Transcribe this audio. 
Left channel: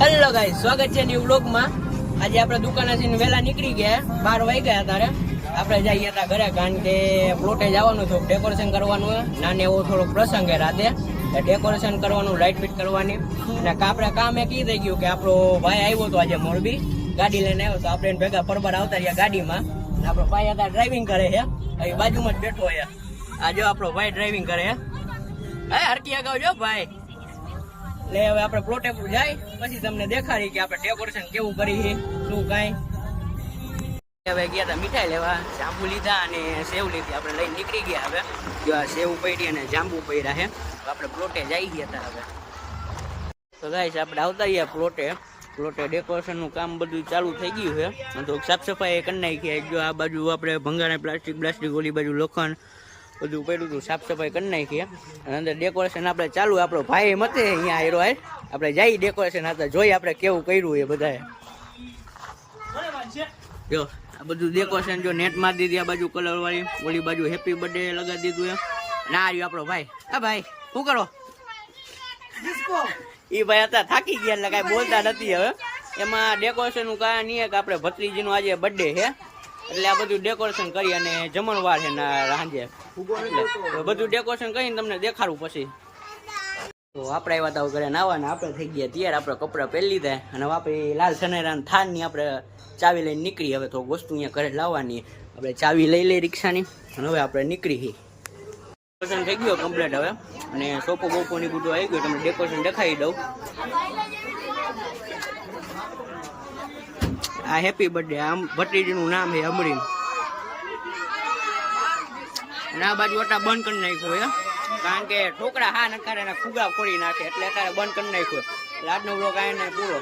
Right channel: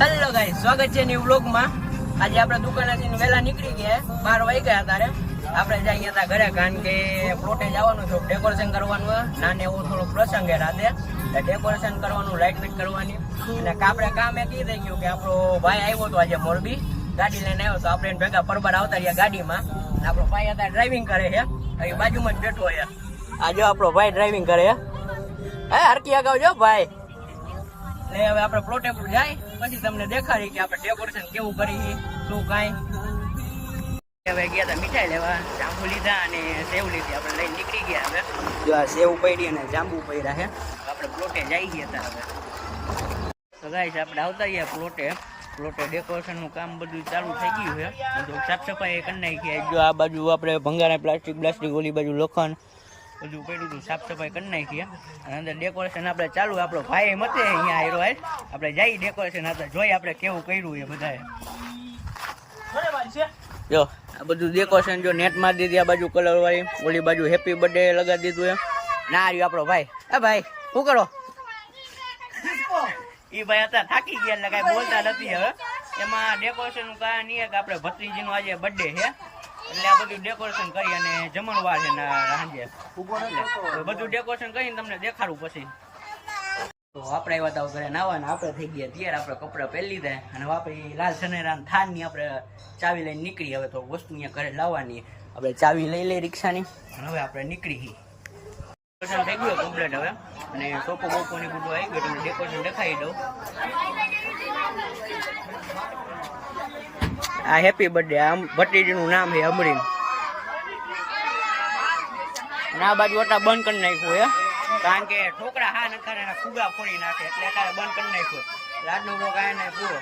Hello guys, સ્વાગત છે new વ્લોગમાં। આજે આપણે દુકાનેથી વહેલા નીકળી ગયા, 12 વાગ્યા અત્યારે આપણે જઈએ હતા ઘરે, કારણ કે પ્લોટે જવાનું હતું, ડેકોરેશન કરવાનું, નાને એવો થોડો પ્રસંગ છે રાતે, ડેકોરેશન કરવાનું, લાઇટ ફિટ કરવાની, અને આપણે કામ એક ઈ થઈ ગયું કે આપણો ભાઈ આવ્યો હતો આજે મોરબી, ગાડી લઈને આવ્યો તો આપણે ભેગા પરબાર આવતા રહ્યા ગાડીમાં, અને આપણો ભાઈ અત્યારે ડ્રાઇવિંગ કરે છે, અહીં બાજુમાં જ બેઠો છે। આ જો આપણો ભાઈ ડ્રાઇવિંગ કરે છે, હે હરકી અગાઉ જો ભાઈ ને। હવે આપણે પ્લોટે જાય પછી તમને દેખાડી કે આપણે ડેકોરેશન કેવું કરી છે, શું કાંઈ। હવે ગયા હતા મીઠાઈ લેવા, જાંબુ લીધા અને સેવ લીધી, આપણે લઈને નીકળી ગયા। હવે જો આ સેવ પડી અને જાંબુ પડ્યા છે, આપણે પ્લોટે જઈ ગયા હતા। હવે તો ગાઈસ આપણે આવતા ગયા પ્લોટે ડેકોરેશનનું કામ બધું ચાલુ થઈ ગયું છે, તો સાફ સફાઈ કરી નાખી। જો આ બાજુ આપણે ભંગારા પ્લાસ્ટિક ઓલી બાજુ લોખંડ બધું પડ્યું હતું, સાફ સફાઈ કરી નાખીએ, અને અંદર ડેકોરેશન આપણે ચાલુ, આપણો ભાઈ મતે અહીંયા આવ્યો હોય, આપણે જઈ ડેકોરેશન હતા જોઈ આપણે કેવું કર્યું એ બધાએ। જો આ બધું ડેકોરેશન જો નેટ મારી દીધી, આ બાજુ કલર વાળી, ઓલી બાજુ હેપી બર્થડે લગાવી દીધું એમ, અને આ રહ્યો આપણો ભાઈ। હે ભાઈ શું કરો? એ ભાઈ હતા થાકી ગયા એટલે કાંઈ બોલતા નથી। હવે એમાં ડેકોરેશનનું કારણ એ કે આપણે ભત્રીજીનું આજે બર્થડે છે, એટલે આ બધું ડેકોરેશન કરી અને જમણવાર છે સાંજે, બધું ડેકોરેશન કરીને તમને દેખાડું પછી। તો આપણે આવ્યા હતા ઘરે નાવાના, આપણે થઈ ગયા તૈયાર, આપણે કપડાં પહેરી લીધા, અને આપણે લાલ સનેરાન થાનની આપણે ચાવી લઈને નીકળી। હવે તો વસ્તુ અહીંયા ઘરે લાવવાની, આપણે ચાવી લઈ લઈ રિક્ષાની, અને હવે આપણે નીકળી। ડેકોરેશન થઈ ગયું કમ્પ્લીટ હવે, અને સોપો બોપોની બધું આવી ગયું, તમને ડેકોરેશન દેખાડી દઉં। આ હેપી બર્થડે, આમ ભત્રીજીનું નામ છે અમરીન, અને આ બાજુ અટા બંધ કરી નાખ્યું હે, કારણ કે ઠોકરા હા નતા એના ફુગા ફોડી નાખે, એટલે અત્યારે બંધ કરી નાખ્યો। એટલે આજનો બ્લોગ આને પૂરો।